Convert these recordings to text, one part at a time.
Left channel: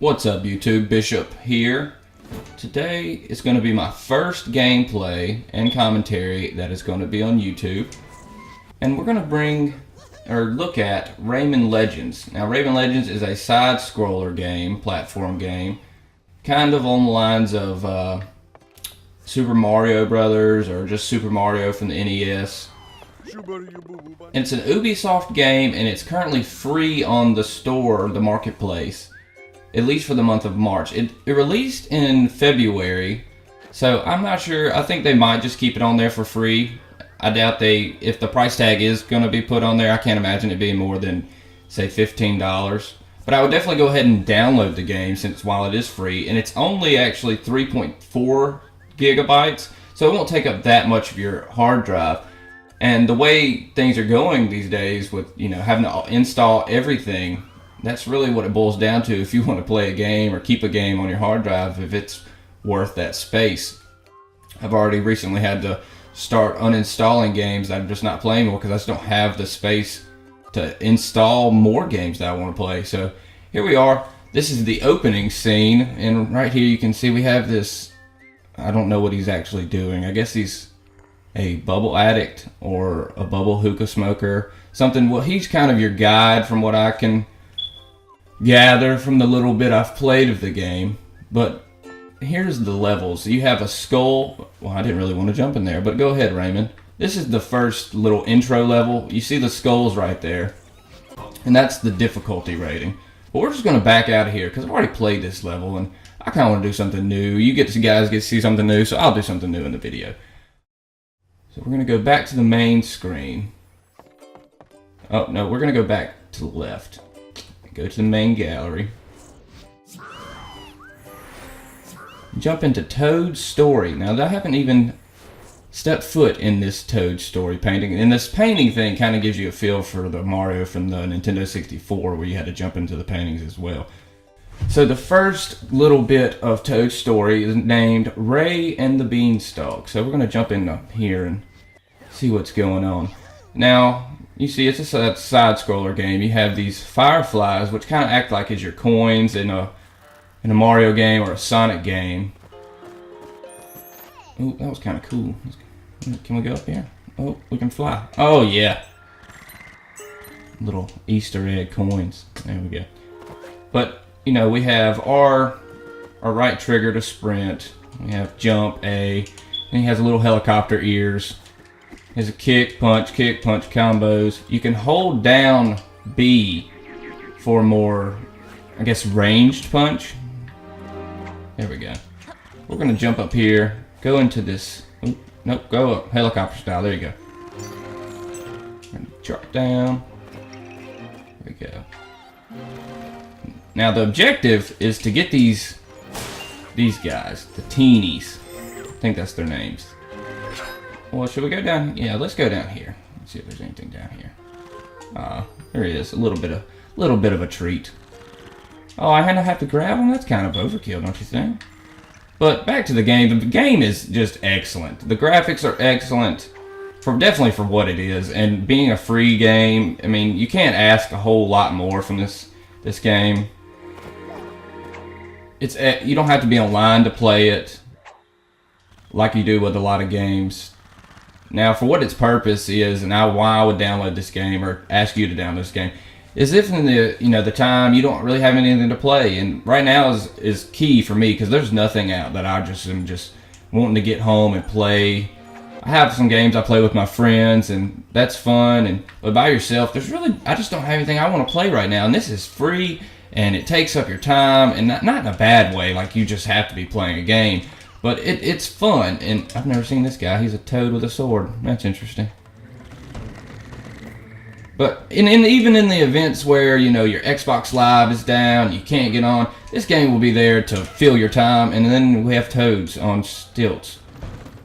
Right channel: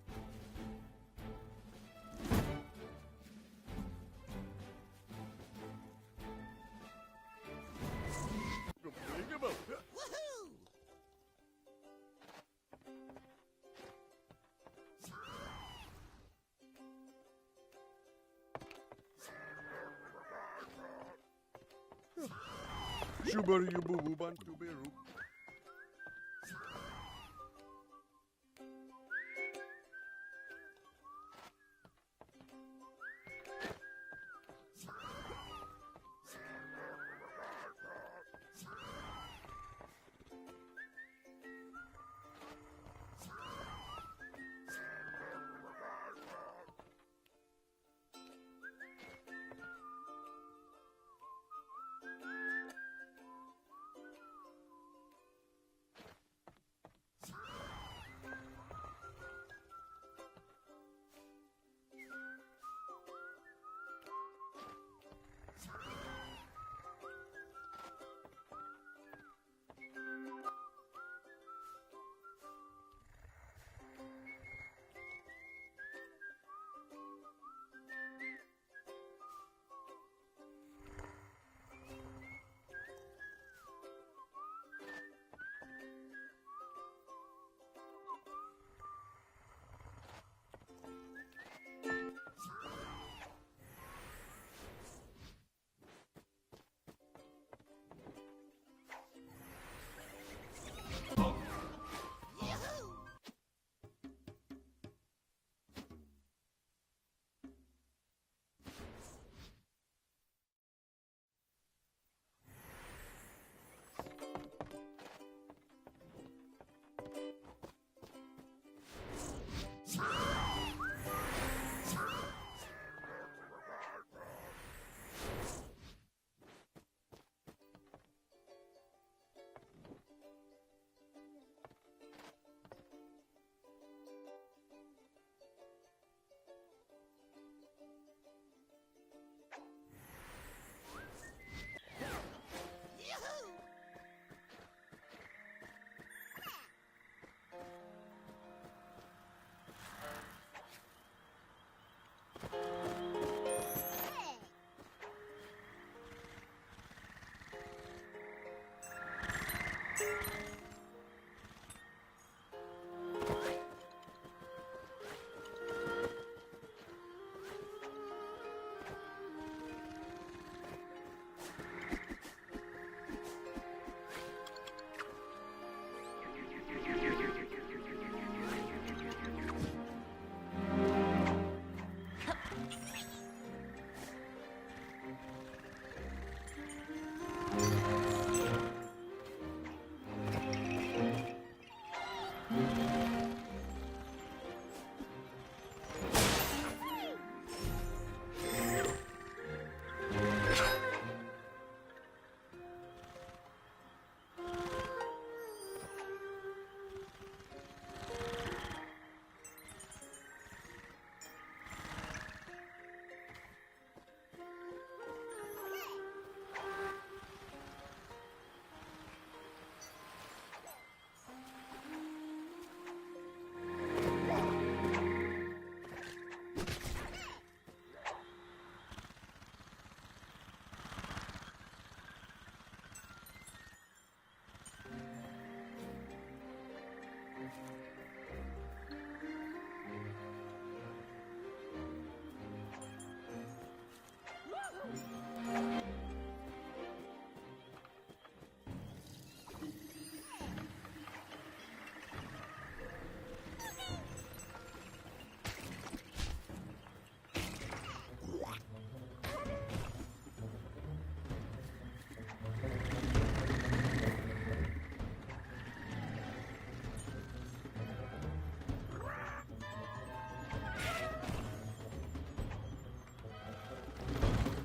What's up YouTube, Bishop here. Today is going to be my first gameplay and commentary that is going to be on YouTube. And we're going to look at Rayman Legends. Now Rayman Legends is a side-scroller game, platform game, kind of on the lines of Super Mario Brothers or just Super Mario from the NES. It's an Ubisoft game and it's currently free on the store, the marketplace. At least for the month of March. It released in February, so I'm not sure. I think they might just keep it on there for free. I doubt if the price tag is going to be put on there, I can't imagine it being more than, say, $15. But I would definitely go ahead and download the game since while it is free, and it's only actually 3.4 gigabytes, so it won't take up that much of your hard drive. And the way things are going these days with, having to install everything, that's really what it boils down to if you want to play a game or keep a game on your hard drive, if it's worth that space. I've already recently had to start uninstalling games that I'm just not playing more because I just don't have the space to install more games that I want to play. So here we are. This is the opening scene, and right here you can see we have this, I don't know what he's actually doing. I guess he's a bubble addict or a bubble hookah smoker. Something, well, he's kind of your guide from what I can gather from the little bit I've played of the game. But here's the levels. You have a skull. Well, I didn't really want to jump in there, but go ahead, Rayman. This is the first little intro level. You see the skulls right there, and that's the difficulty rating. But we're just going to back out of here because I've already played this level and I kind of want to do something new. You guys get to see something new, so I'll do something new in the video. So we're going to go back to the main screen. Oh no, we're going to go back to the left. Go to the main gallery. Jump into Toad's story. Now, I haven't even stepped foot in this Toad story painting. And this painting thing kind of gives you a feel for the Mario from the Nintendo 64 where you had to jump into the paintings as well. So the first little bit of Toad's story is named Ray and the Beanstalk. So we're going to jump in here and see what's going on. Now, you see, it's a side-scroller game. You have these fireflies, which kind of act like as your coins in a Mario game or a Sonic game. Oh, that was kind of cool. Can we go up here? Oh, we can fly. Oh, yeah. Little Easter egg coins. There we go. But, we have our right trigger to sprint. We have jump, A. And he has a little helicopter ears. There's a kick, punch, combos. You can hold down B for more, I guess, ranged punch. There we go. We're going to jump up here, go into this. Ooh, nope, go up. Helicopter style. There you go. Drop down. There we go. Now, the objective is to get these guys, the teenies. I think that's their names. Well, should we go down? Yeah, let's go down here. Let's see if there's anything down here. There it is. A little bit of a treat. Oh, I have to grab them? That's kind of overkill, don't you think? But back to the game. The game is just excellent. The graphics are excellent, definitely for what it is. And being a free game, I mean, you can't ask a whole lot more from this game. You don't have to be online to play it like you do with a lot of games. Now, for what its purpose is, and why I would download this game or ask you to download this game, is if in the time you don't really have anything to play, and right now is key for me because there's nothing out that I am just wanting to get home and play. I have some games I play with my friends, and that's fun. But by yourself, I just don't have anything I want to play right now. And this is free, and it takes up your time, and not in a bad way, like you just have to be playing a game. But it's fun, and I've never seen this guy. He's a toad with a sword. That's interesting. But even in the events where, your Xbox Live is down, you can't get on, this game will be there to fill your time, and then we have Toads on stilts.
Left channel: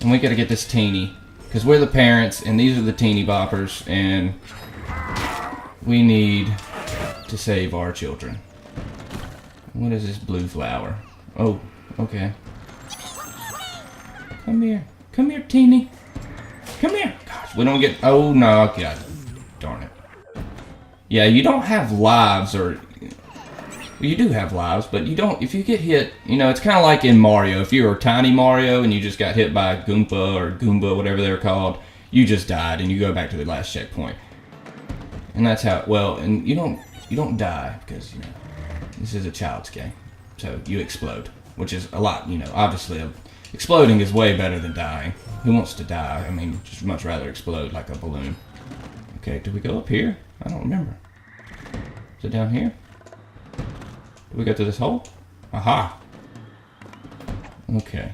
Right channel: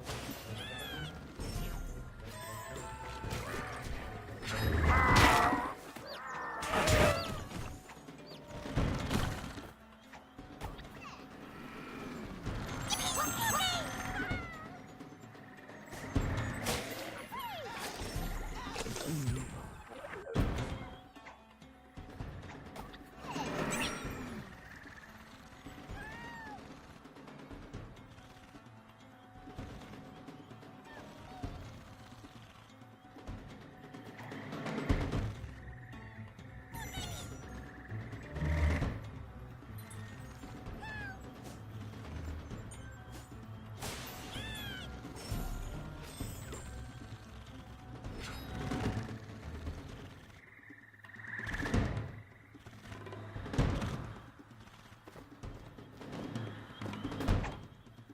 And we gotta get this teeny, because we're the parents, and these are the teeny boppers, and we need to save our children. What is this blue flower? Oh, okay. Come here, teeny. Come here. Gosh, we don't get. Oh no, okay. Darn it. Yeah, you don't have lives or You do have lives, but you don't. If you get hit, you know, it's kind of like in Mario. If you were Tiny Mario and you just got hit by a Goomba or Goomba, whatever they're called, you just died and you go back to the last checkpoint. And that's how. Well, and you don't die because you know, this is a child's game, so you explode, which is a lot. You know, obviously, exploding is way better than dying. Who wants to die? I mean, just much rather explode like a balloon. Okay, do we go up here? I don't remember. Is it down here? Do we go through this hole? Aha! Okay.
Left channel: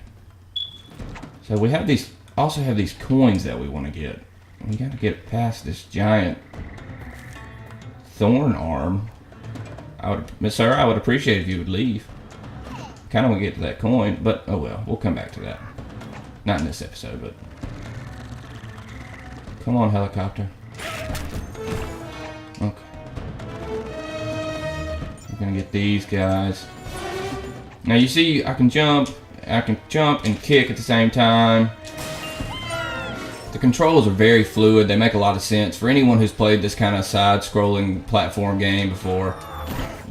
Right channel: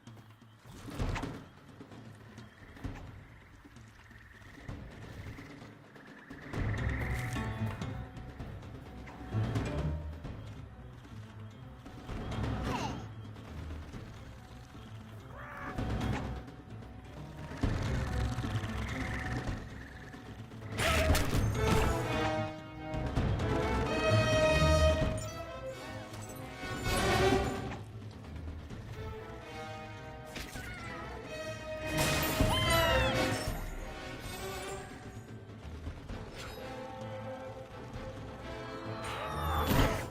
So we have these, also have these coins that we want to get. We gotta get past this giant thorn arm. Sir, I would appreciate if you would leave. Kinda want to get to that coin, but oh well, we'll come back to that. Not in this episode, but... Come on, helicopter. Okay. We're gonna get these guys. Now you see, I can jump and kick at the same time. The controls are very fluid. They make a lot of sense. For anyone who's played this kind of side-scrolling platform game before,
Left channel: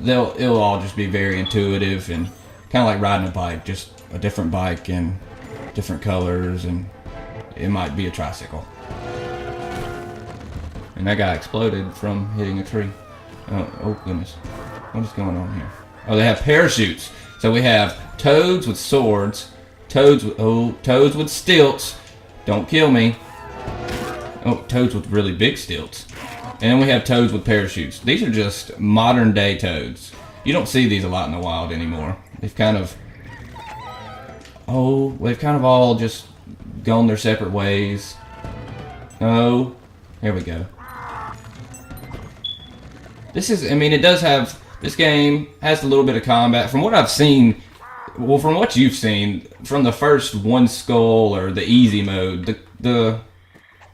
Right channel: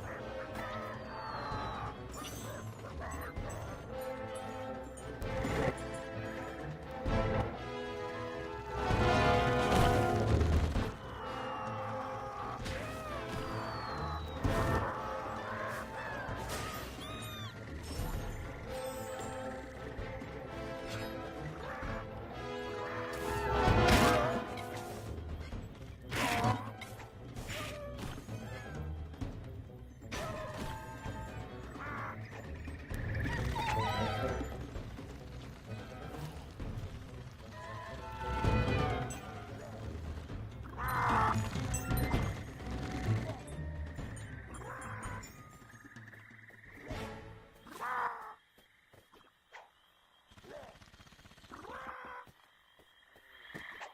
it'll all just be very intuitive and kind of like riding a bike, just a different bike and different colors, and it might be a tricycle. And that guy exploded from hitting a tree. Oh goodness. What is going on here? Oh, they have parachutes. So we have Toads with swords, Toads with stilts. Don't kill me. Oh, Toads with really big stilts. And we have Toads with parachutes. These are just modern day Toads. You don't see these a lot in the wild anymore. They've kind of all just gone their separate ways. Oh, there we go. This game has a little bit of combat. From what I've seen, well, from what you've seen, from the first one skull or the easy mode, the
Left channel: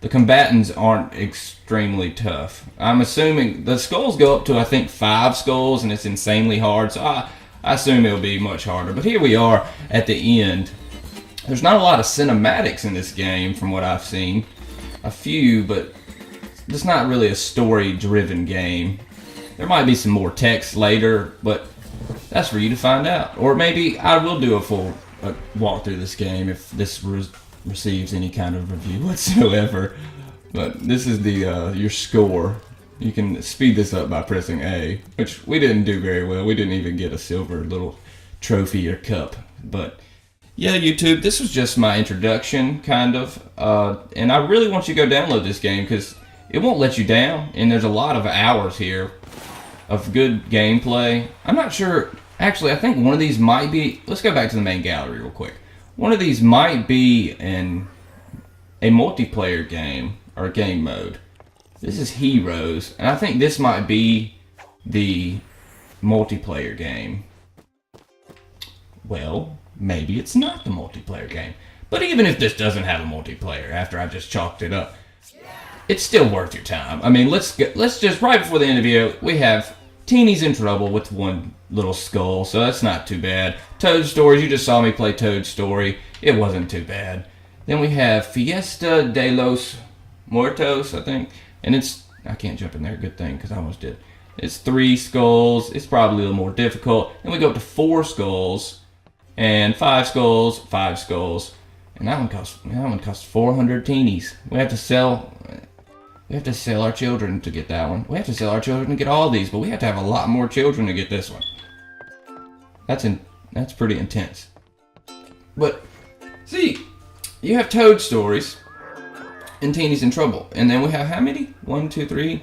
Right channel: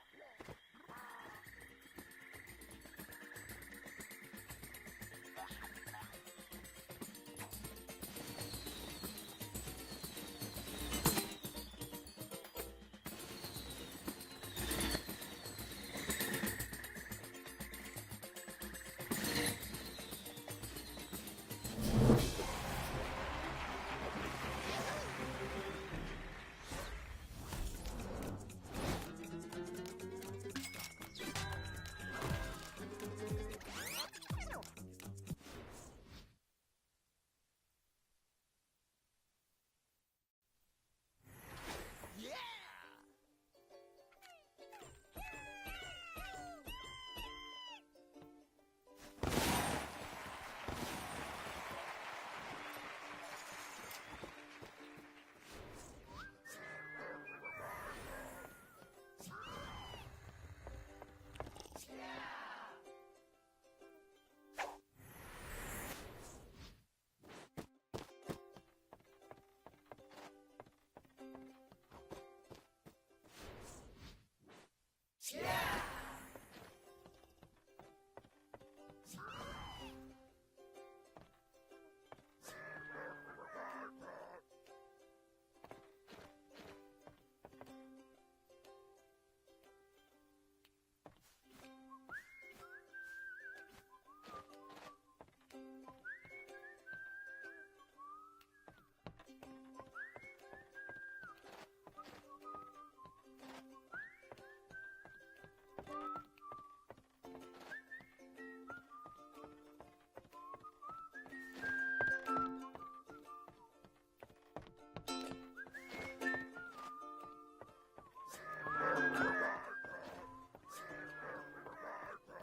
combatants aren't extremely tough. I'm assuming the skulls go up to, I think, 5 skulls, and it's insanely hard, so I assume it'll be much harder. But here we are at the end. There's not a lot of cinematics in this game from what I've seen. A few, but it's not really a story-driven game. There might be some more text later, but that's for you to find out. Or maybe I will do a full walk through this game if this receives any kind of review whatsoever. But this is your score. You can speed this up by pressing A, which we didn't do very well. We didn't even get a silver little trophy or cup. But yeah, YouTube, this was just my introduction, kind of. And I really want you to go download this game because it won't let you down. And there's a lot of hours here of good gameplay. I'm not sure. Actually, I think one of these might be... Let's go back to the main gallery real quick. One of these might be a multiplayer game or game mode. This is Heroes, and I think this might be the multiplayer game. Well, maybe it's not the multiplayer game. But even if this doesn't have a multiplayer, after I just chalked it up, it's still worth your time. I mean, let's just, right before the end of the video, we have Teeny's in trouble with one little skull, so that's not too bad. Toad Stories, you just saw me play Toad Story. It wasn't too bad. Then we have Fiesta de los Muertos, I think. And it's, I can't jump in there, good thing, because I almost did. It's 3 skulls. It's probably a little more difficult. Then we go up to 4 skulls, and 5 skulls, 5 skulls. And that one costs 400 teenies. We have to sell our children to get that one. We have to sell our children to get all these, but we have to have a lot more children to get this one. That's pretty intense. But see, you have Toad Stories and Teeny's in Trouble. And then we have how many? 1, 2, 3,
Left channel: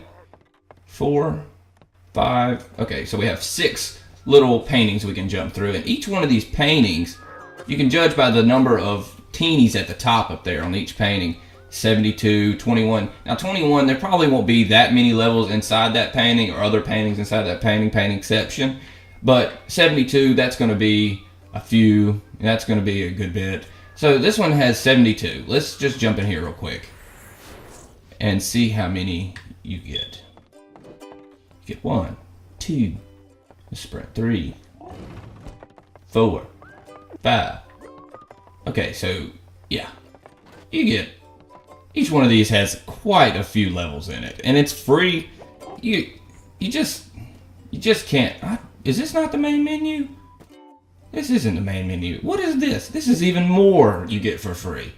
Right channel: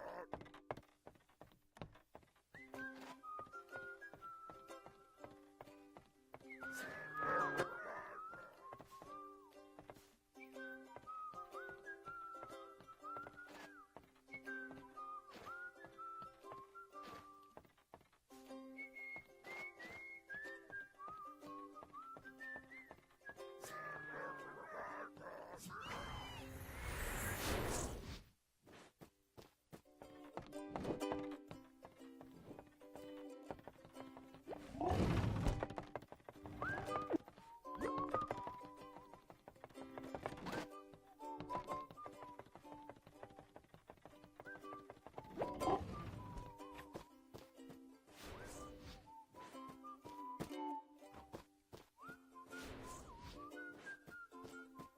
4, 5. Okay, so we have 6 little paintings we can jump through. And each one of these paintings, you can judge by the number of teenies at the top up there on each painting. 72, 21. Now 21, there probably won't be that many levels inside that painting or other paintings inside that paintingception. But 72, that's going to be a few. That's going to be a good bit. So this one has 72. Let's just jump in here real quick and see how many you get. You get 1, 2, let's spread 3, 4, 5. Okay, so yeah, you get, each one of these has quite a few levels in it, and it's free. You just can't. is this not the main menu? This isn't the main menu. What is this? This is even more you get for free.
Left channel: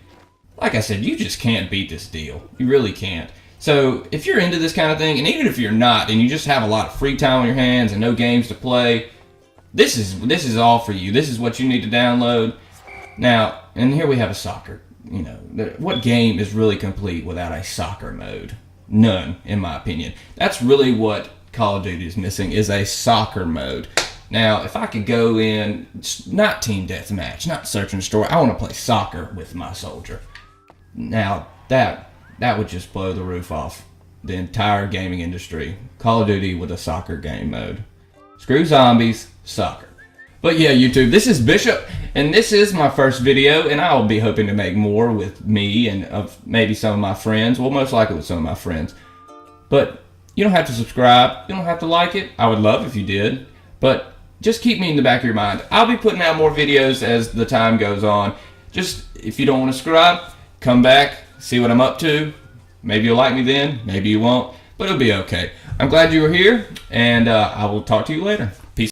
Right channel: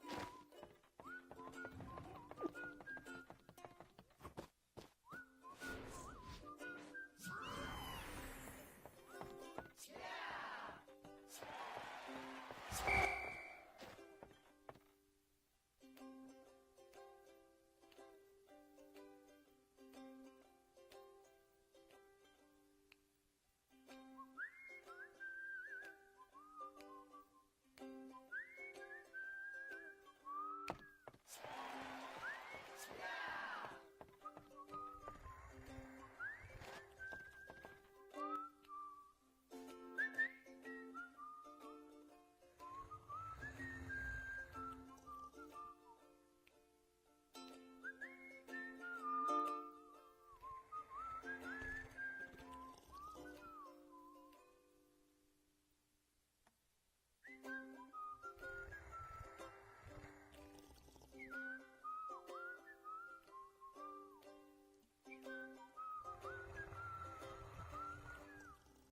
Like I said, you just can't beat this deal. You really can't. So if you're into this kind of thing, and even if you're not, and you just have a lot of free time on your hands and no games to play, this is all for you. This is what you need to download. Now, and here we have a soccer. You know, what game is really complete without a soccer mode? None, in my opinion. That's really what Call of Duty is missing, is a soccer mode. Now, if I could go in, not team deathmatch, not search and destroy, I want to play soccer with my soldier. Now, that would just blow the roof off the entire gaming industry. Call of Duty with a soccer game mode. Screw zombies, soccer. But yeah, YouTube, this is Bishop, and this is my first video, and I'll be hoping to make more with me and of maybe some of my friends. Well, most likely with some of my friends. But you don't have to subscribe. You don't have to like it. I would love if you did. But just keep me in the back of your mind. I'll be putting out more videos as the time goes on. Just, if you don't want to subscribe, come back, see what I'm up to. Maybe you'll like me then, maybe you won't, but it'll be okay. I'm glad you were here, and I will talk to you later.